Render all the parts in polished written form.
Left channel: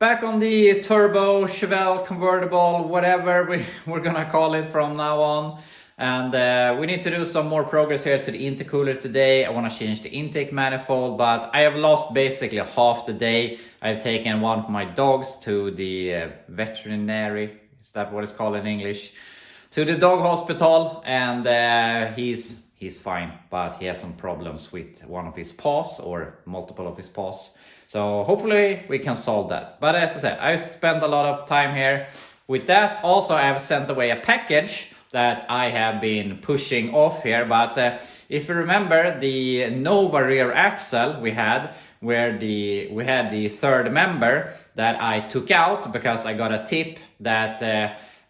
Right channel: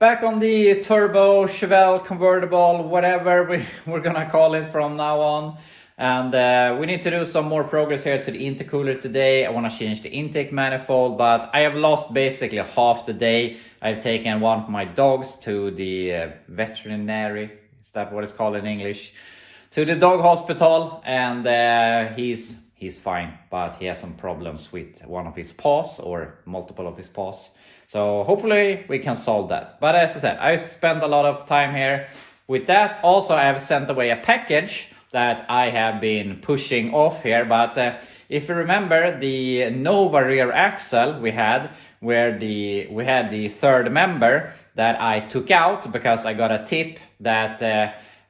Back on the turbo, Chevelle, convertible, whatever we're gonna call it from now on. And we need to do some more progress here to the intercooler today. I want to change the intake manifold, but I have lost basically half the day. I've taken one of my dogs to the veterinary, is that what it's called in English? To the dog hospital, and he's fine, but he has some problems with one of his paws or multiple of his paws. So hopefully we can solve that. But as I said, I spent a lot of time here with that. Also, I have sent away a package that I have been pushing off here. But if you remember the Nova rear axle we had, where we had the third member that I took out because I got a tip that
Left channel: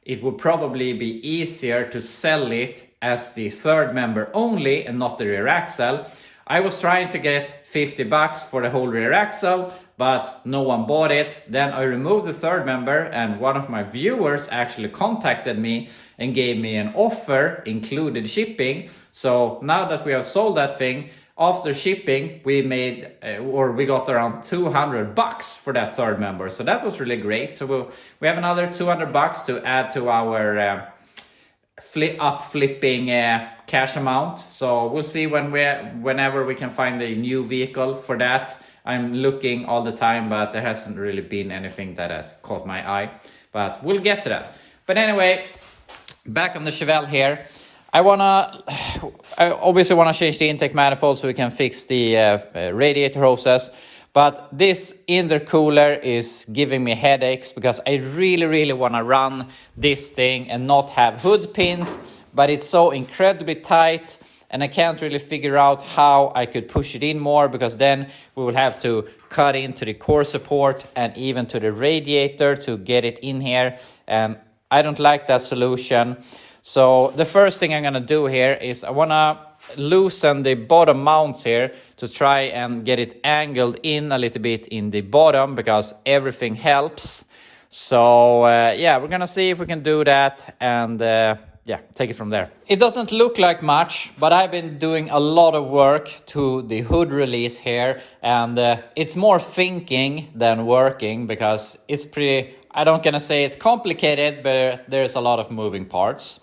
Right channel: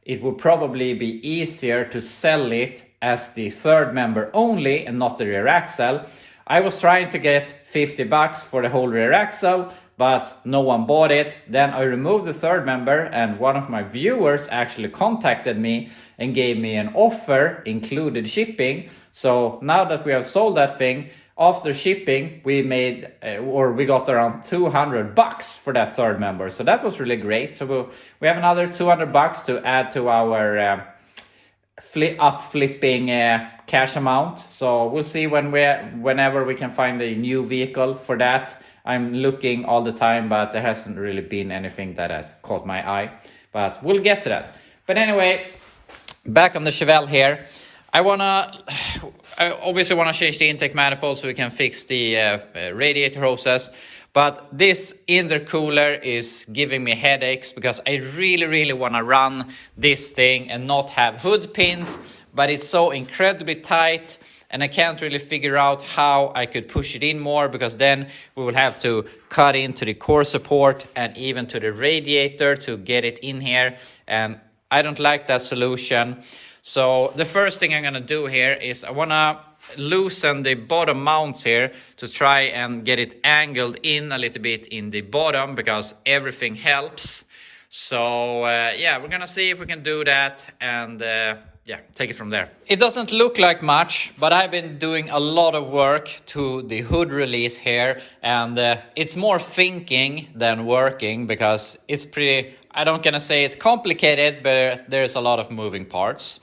it would probably be easier to sell it as the third member only and not the rear axle. I was trying to get $50 for the whole rear axle, but no one bought it. Then I removed the third member, and one of my viewers actually contacted me and gave me an offer, included shipping. So now that we have sold that thing, after shipping, we made, we got around $200 for that third member. So that was really great. So we have another $200 to add to our flipping cash amount. So we'll see whenever we can find a new vehicle for that. I'm looking all the time, but there hasn't really been anything that has caught my eye. But we'll get to that. But anyway, back on the Chevelle here. I obviously want to change the intake manifold so we can fix the radiator hoses. But this intercooler is giving me headaches because I really want to run this thing and not have hood pins. But it's so incredibly tight, and I can't really figure out how I could push it in more, because then we will have to cut into the core support and even to the radiator to get it in here. And I don't like that solution. So the first thing I'm going to do here is I want to loosen the bottom mounts here to try and get it angled in a little bit in the bottom, because everything helps. So yeah, we're going to see if we can do that, and yeah, take it from there. It doesn't look like much, but I've been doing a lot of work to the hood release here, and it's more thinking than working, because it's pretty, I don't gonna say it's complicated, but there's a lot of moving parts.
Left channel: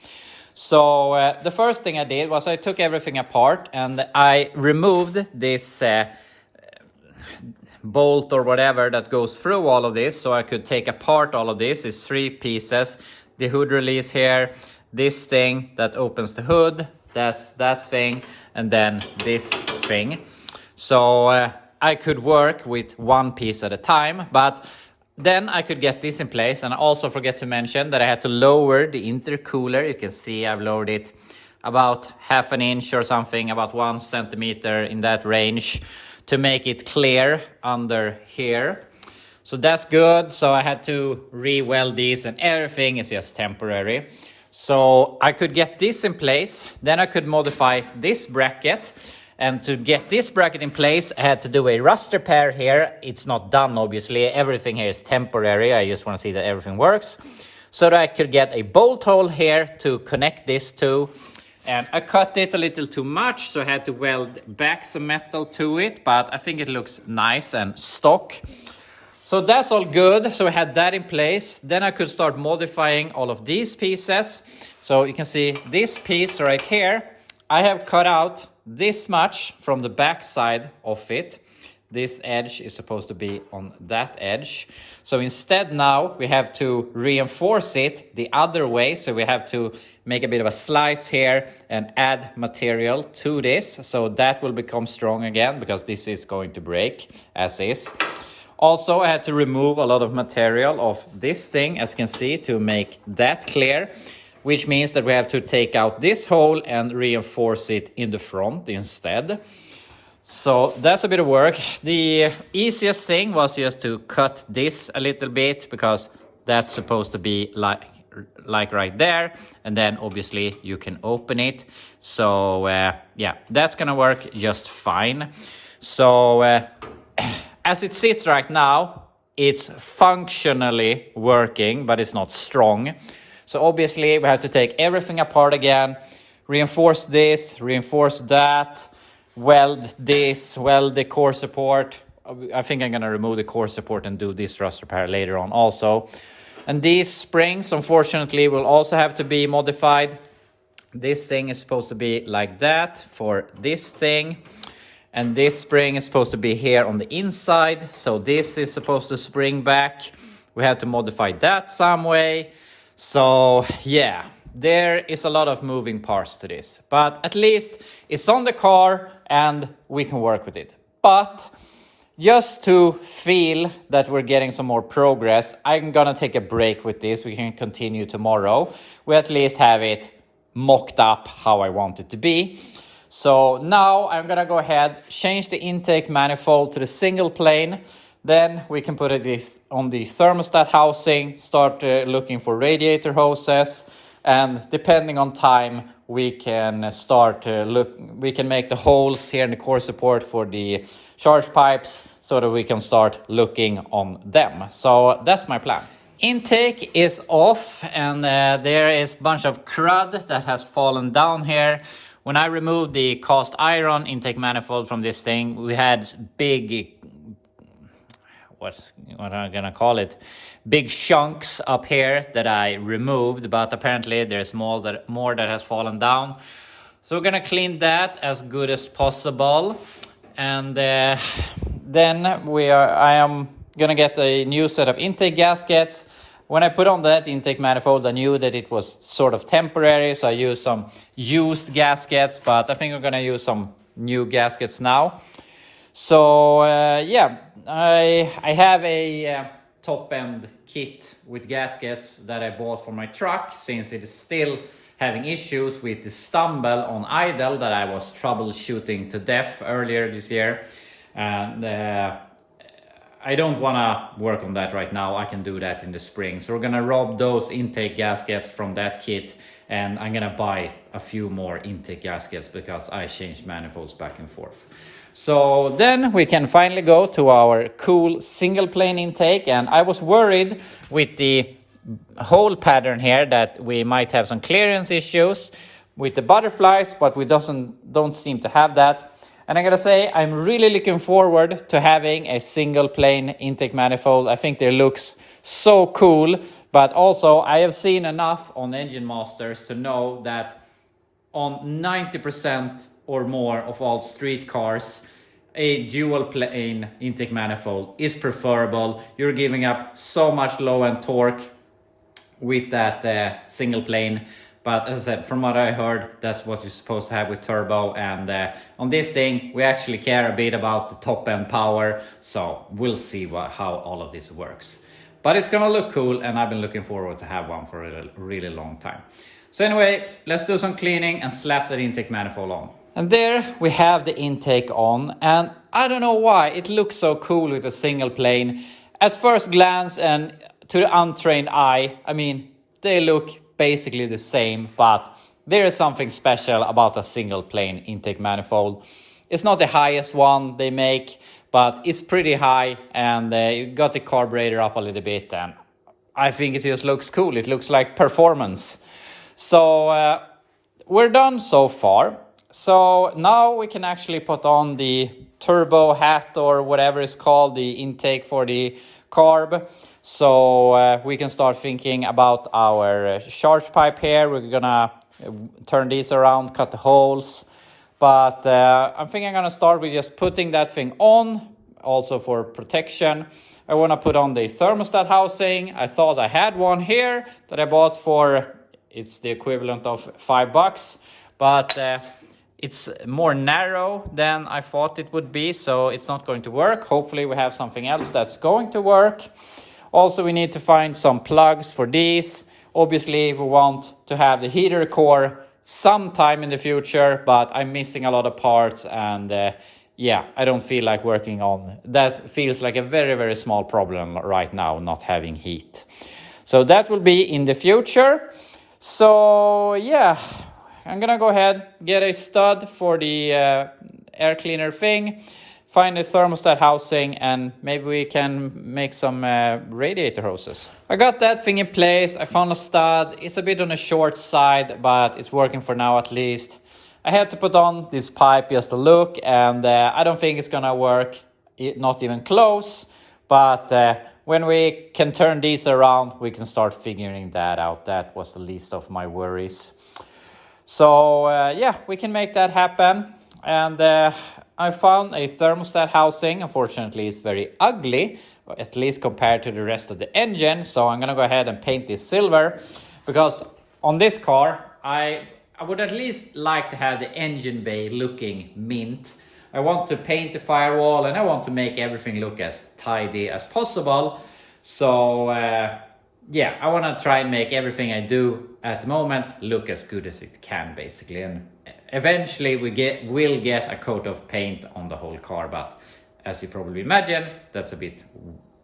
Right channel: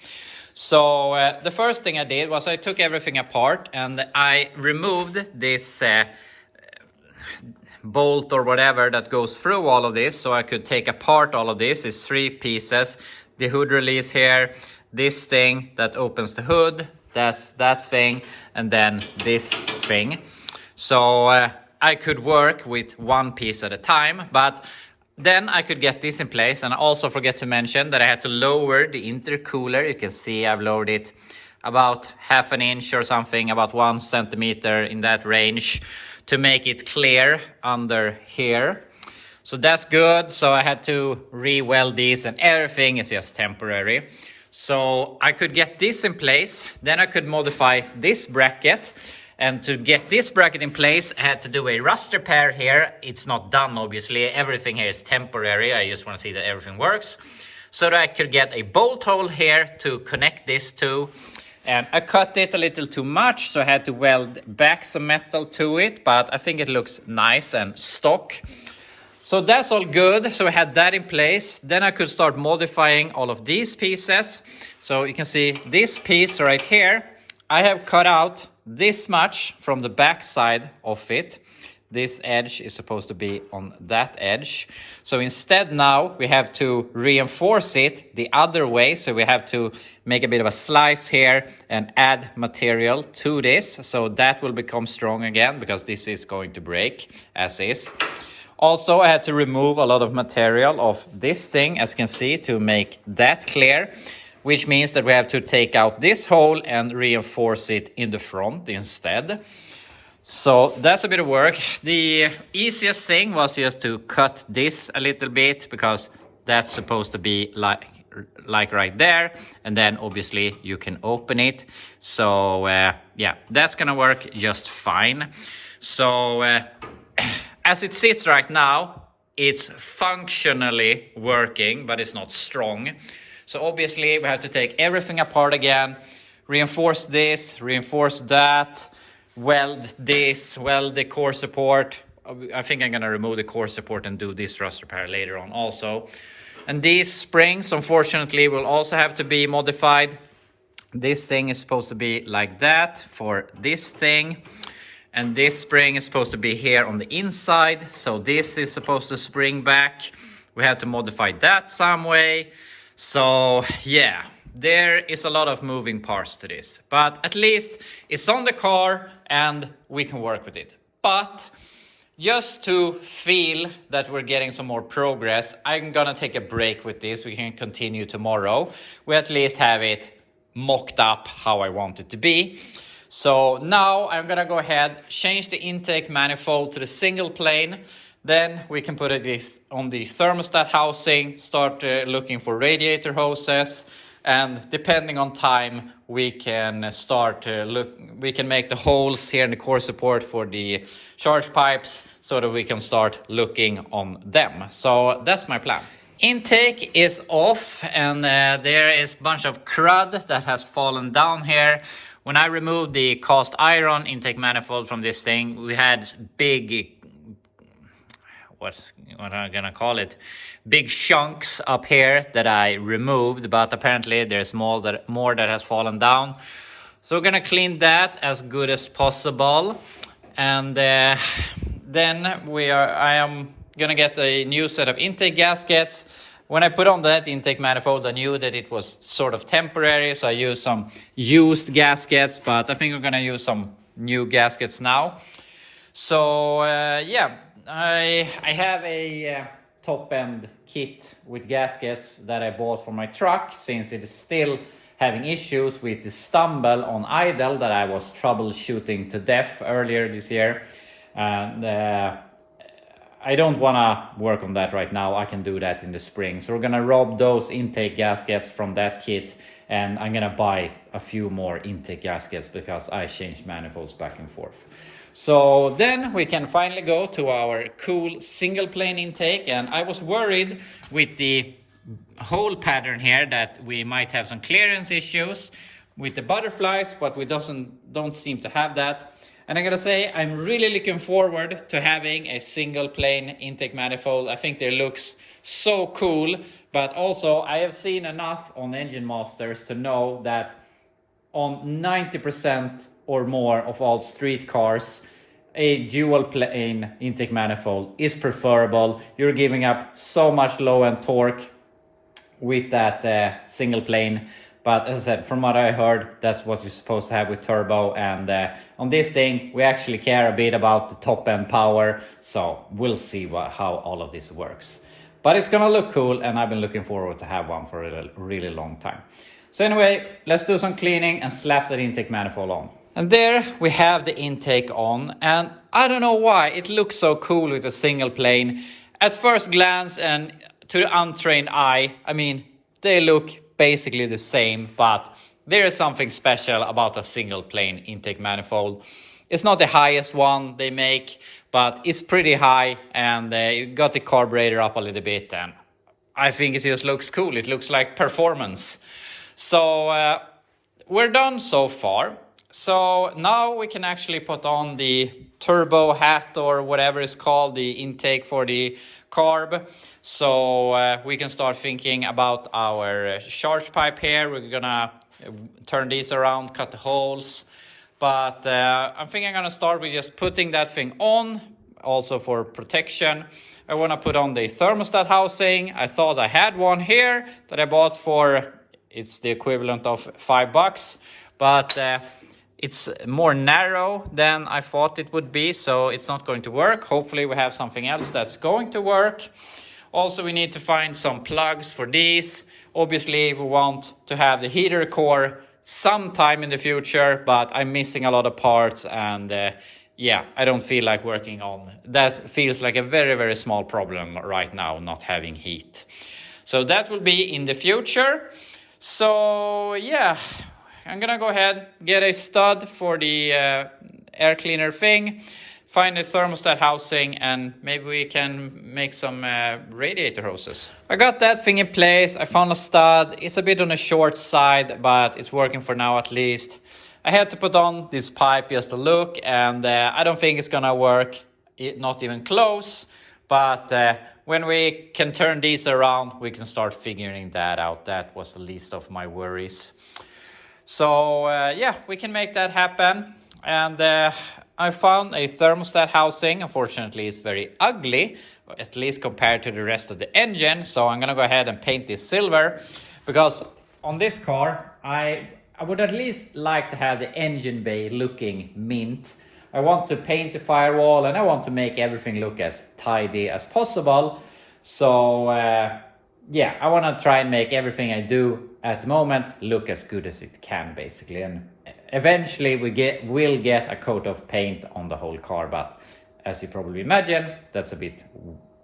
So the first thing I did was I took everything apart and I removed this bolt or whatever that goes through all of this, so I could take apart all of this. It's 3 pieces: the hood release here, this thing that opens the hood, that's that thing, and then this thing. So I could work with one piece at a time, but then I could get this in place. And I also forget to mention that I had to lower the intercooler. You can see I've lowered it about 1/2 inch or something, about 1 centimeter in that range, to make it clear under here. So that's good. So I had to re-weld these, and everything is just temporary. So I could get this in place. Then I could modify this bracket. And to get this bracket in place, I had to do a rust repair here. It's not done, obviously. Everything here is temporary. I just want to see that everything works. So that I could get a bolt hole here to connect this to. And I cut it a little too much, so I had to weld back some metal to it. But I think it looks nice and stock. So that's all good. So I had that in place. Then I could start modifying all of these pieces. So you can see this piece right here, I have cut out this much from the back side of it. This edge is supposed to be on that edge. So instead now we have to reinforce it the other way. So we have to make a bit of a slice here and add material to this. So that will become strong again, because this is going to break as is. Also, I had to remove a lot of material of this thing, as you can see, to make that clear, which means that we have to take out this hole and reinforce it in the front instead. So that's a bit of work. The easiest thing was just to cut this a little bit, because that's supposed to be like right there, and then obviously you can open it. So yeah, that's gonna work just fine. So as it sits right now, it's functionally working, but it's not strong. So obviously we have to take everything apart again, reinforce this, reinforce that, weld this, weld the core support, I think I'm gonna remove the core support and do this rust repair later on also. And these springs, unfortunately, will also have to be modified. This thing is supposed to be like that for this thing. And this spring is supposed to be here on the inside. So this is supposed to spring back. We have to modify that some way. So yeah, there is a lot of moving parts to this. But at least it's on the car and we can work with it. But just to feel that we're getting some more progress, I'm gonna take a break with this. We can continue tomorrow. We at least have it mocked up how I want it to be. So now I'm gonna go ahead, change the intake manifold to the single plane. Then we can put it on the thermostat housing, start looking for radiator hoses. And depending on time, we can start we can make the holes here in the core support for the charge pipes so that we can start looking on them. So that's my plan. Intake is off and there is a bunch of crud that has fallen down here. When I removed the cast iron intake manifold from this thing, we had big, what am I gonna call it? Big chunks up here that I removed, but apparently there's more that has fallen down. So we're gonna clean that as good as possible. And then I am gonna get a new set of intake gaskets. When I put on that intake manifold, I knew that it was sort of temporary, so I used some used gaskets, but I think I'm gonna use some new gaskets now. So yeah, I have a top-end kit with gaskets that I bought for my truck, since it is still having issues with the stumble on idle that I was troubleshooting to death earlier this year. And I don't want to work on that right now. I can do that in the spring. So we're going to rob those intake gaskets from that kit. And I'm going to buy a few more intake gaskets because I changed manifolds back and forth. So then we can finally go to our cool single plane intake. And I was worried with the hole pattern here that we might have some clearance issues with the butterflies, but we don't seem to have that. And I'm gonna say, I'm really looking forward to having a single plane intake manifold. I think they looks so cool, but also I have seen enough on Engine Masters to know that on 90% or more of all street cars, a dual plane intake manifold is preferable. You're giving up so much low end torque with that single plane. But as I said, from what I heard, that's what you're supposed to have with turbo. And on this thing, we actually care a bit about the top end power. So we'll see how all of this works. But it's gonna look cool, and I've been looking forward to have one for a really long time. So anyway, let's do some cleaning and slap that intake manifold on. And there we have the intake on. And I don't know why, it looks so cool with a single plane. At first glance and to the untrained eye, I mean, they look basically the same, but there is something special about a single plane intake manifold. It's not the highest one they make, but it's pretty high, and you got the carburetor up a little bit, and I think it just looks cool. It looks like performance. So we're done so far. So now we can actually put on the turbo hat or whatever it's called, the intake for the carb. So we can start thinking about our charge pipe here. We're gonna turn these around, cut the holes. But I think I'm gonna start with just putting that thing on, also for protection. I wanna put on the thermostat housing. I thought I had one here that I bought for, it's the equivalent of $5, but it's more narrow than I thought it would be, so it's not going to work. Hopefully we have something else that's going to work. Also, we need to find some plugs for these. Obviously, we want to have the heater core sometime in the future, but I'm missing a lot of parts, and yeah, I don't feel like working on that. Feels like a very small problem right now, not having heat. So that will be in the future. So yeah, I'm gonna go ahead, get a stud for the air cleaner thing, find the thermostat housing, and maybe we can make some radiator hoses. I got that thing in place. I found a stud. It's a bit on the short side, but it's working for now at least. I had to put on this pipe just to look, and I don't think it's gonna work not even close. But when we can turn these around, we can start figuring that out. That was the least of my worries. So yeah, we can make that happen. And I found a thermostat housing. Unfortunately, it's very ugly, at least compared to the rest of the engine. So I'm gonna go ahead and paint this silver, because on this car, I would at least like to have the engine bay looking mint. I want to paint the firewall and I want to make everything look as tidy as possible. So yeah, I want to try and make everything I do at the moment look as good as it can, basically. And eventually we'll get a coat of paint on the whole car, but as you probably imagine, that's a bit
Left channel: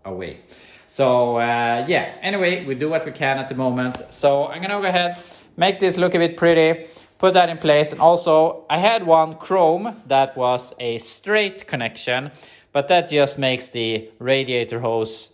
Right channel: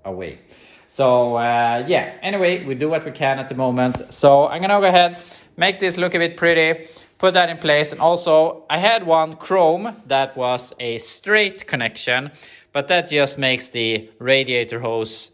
away. So yeah, anyway, we do what we can at the moment. So I'm gonna go ahead, make this look a bit pretty, put that in place. And also I had one chrome that was a straight connection, but that just makes the radiator hose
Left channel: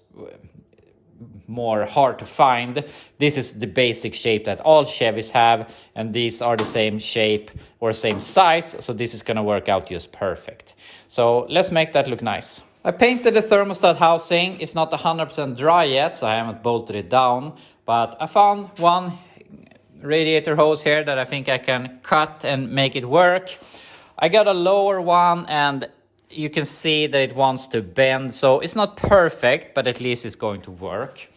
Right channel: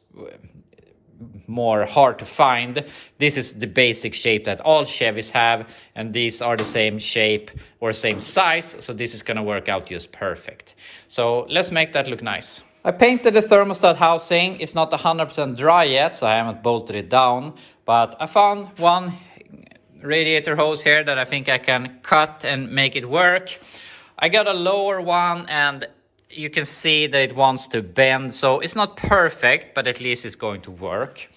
more hard to find. This is the basic shape that all Chevys have, and these are the same shape or same size, so this is gonna work out just perfect. So let's make that look nice. I painted the thermostat housing. It's not 100% dry yet, so I haven't bolted it down, but I found one radiator hose here that I think I can cut and make it work. I got a lower one and you can see that it wants to bend, so it's not perfect, but at least it's going to work.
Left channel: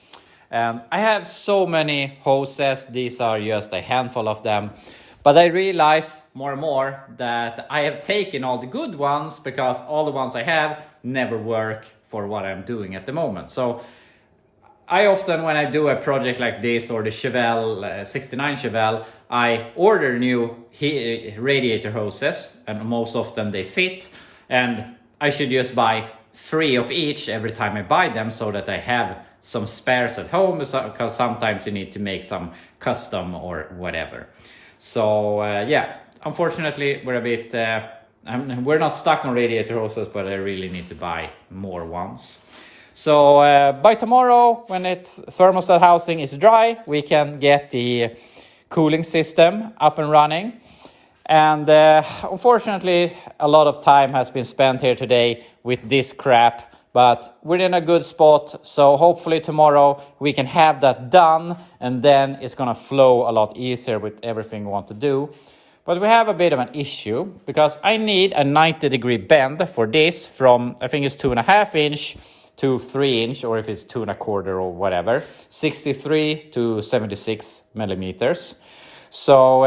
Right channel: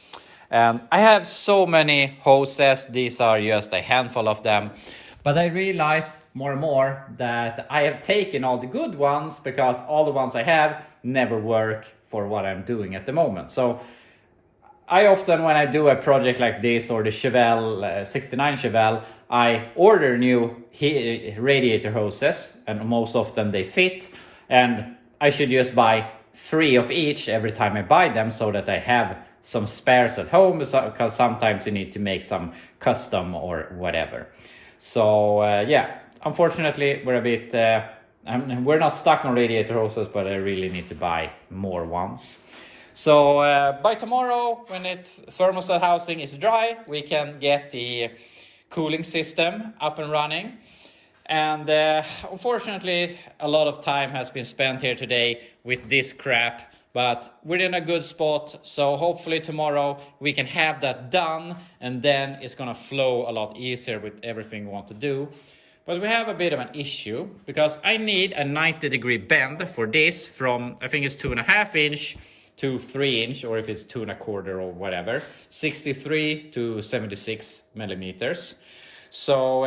I have so many hoses. These are just a handful of them, but I realize more and more that I have taken all the good ones because all the ones I have never work for what I'm doing at the moment. So I often, when I do a project like this or the Chevelle 69 Chevelle, I order new radiator hoses, and most often they fit, and I should just buy 3 of each every time I buy them, so that I have some spares at home, because sometimes you need to make some custom or whatever. So yeah, unfortunately we're a bit we're not stuck on radiator hoses, but I really need to buy more ones. So by tomorrow, when the thermostat housing is dry, we can get the cooling system up and running. And unfortunately, a lot of time has been spent here today with this crap, but we're in a good spot. So hopefully tomorrow we can have that done, and then it's gonna flow a lot easier with everything we want to do. But we have a bit of an issue, because I need a 90-degree bend for this, from I think it's 2.5 inch to 3 inch, or if it's 2 1/4 or whatever, 63 to 76 millimeters. So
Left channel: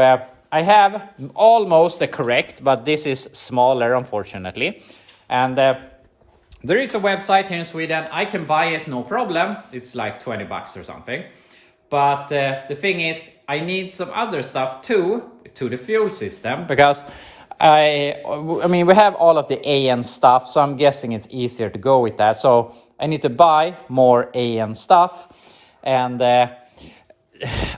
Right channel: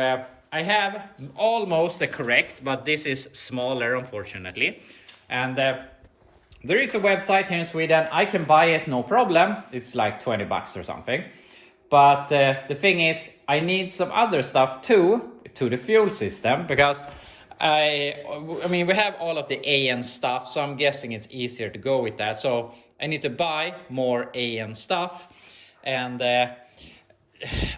I have almost the correct, but this is smaller, unfortunately. And there is a website here in Sweden. I can buy it, no problem. It's like 20 bucks or something. But the thing is, I need some other stuff too, to the fuel system, because I mean, we have all of the AN stuff, so I'm guessing it's easier to go with that. So I need to buy more AN stuff, and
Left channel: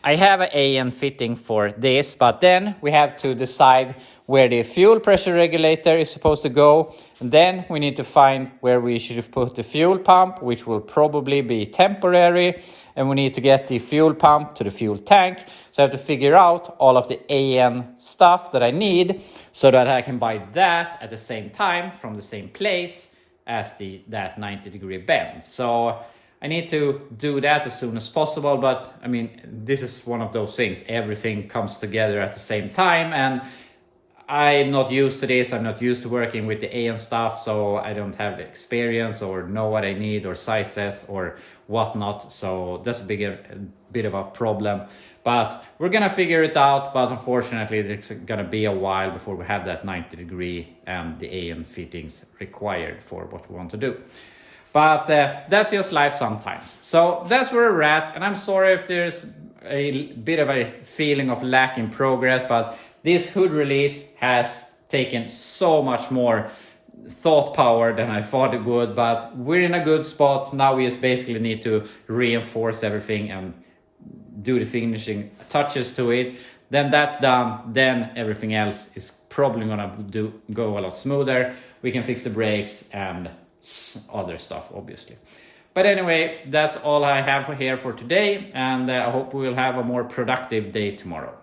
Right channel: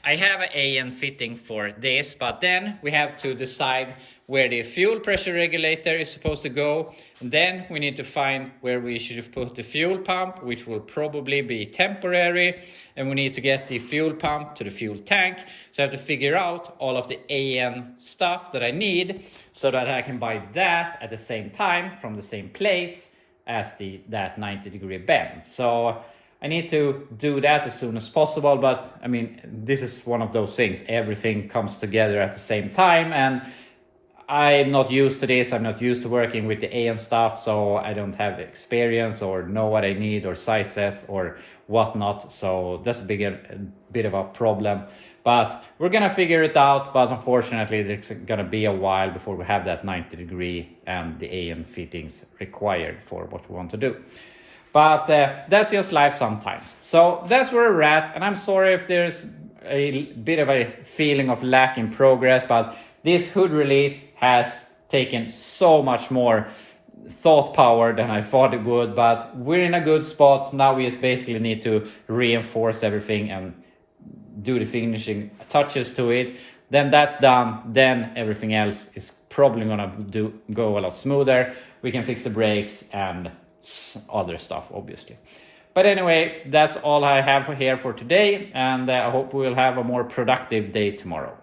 I have an AN fitting for this, but then we have to decide where the fuel pressure regulator is supposed to go. And then we need to find where we should put the fuel pump, which will probably be temporary. And we need to get the fuel pump to the fuel tank. So I have to figure out all of the AN stuff that I need, so that I can buy that at the same time from the same place as that 90-degree bend. So I need to do that as soon as possible, but I mean, this is one of those things. Everything comes together at the same time, and I'm not used to this. I'm not used to working with the AN stuff, so I don't have experience or know what I need or sizes or whatnot. So that's a bit of a problem, but we're gonna figure it out. But unfortunately, it's gonna be a while before we have that 90-degree and the AN fittings required for what we want to do. But that's just life sometimes. So that's where we're at, and I'm sorry if there's a bit of a feeling of lack in progress, but this hood release has taken so much more thought power than I thought it would, but we're in a good spot. Now we just basically need to reinforce everything and do the finishing touches to it. Then that's done. Then everything else is probably gonna go a lot smoother. We can fix the brakes and other stuff, obviously. But anyway, that's all I have here for today, and I hope we will have a more productive day tomorrow.